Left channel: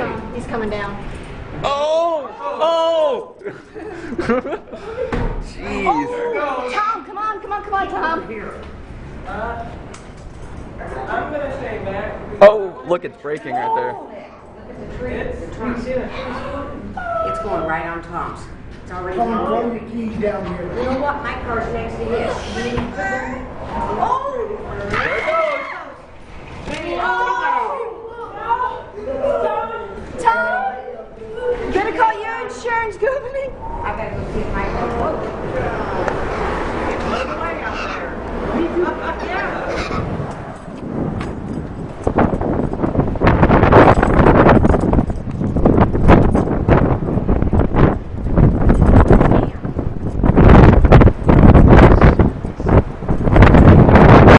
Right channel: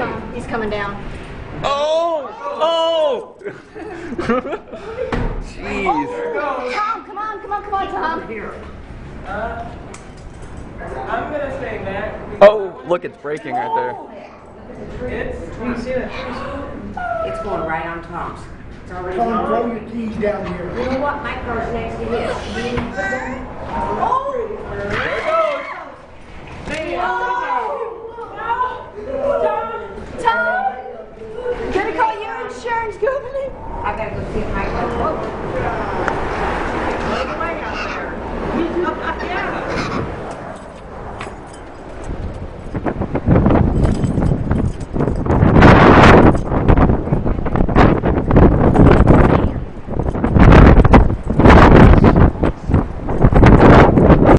Tom. He's coming down. Oh! Oh! Jeez. Oh, Tom, come on, Tom. I'm going to say that. Oh, look, it's breaking right there. It's going right on Tom's. It's already Tom, throw your keys down here. You know what? My car's next to his. Oh! There it goes. Tom! Gonna call your insurance company? I gotta go see my car.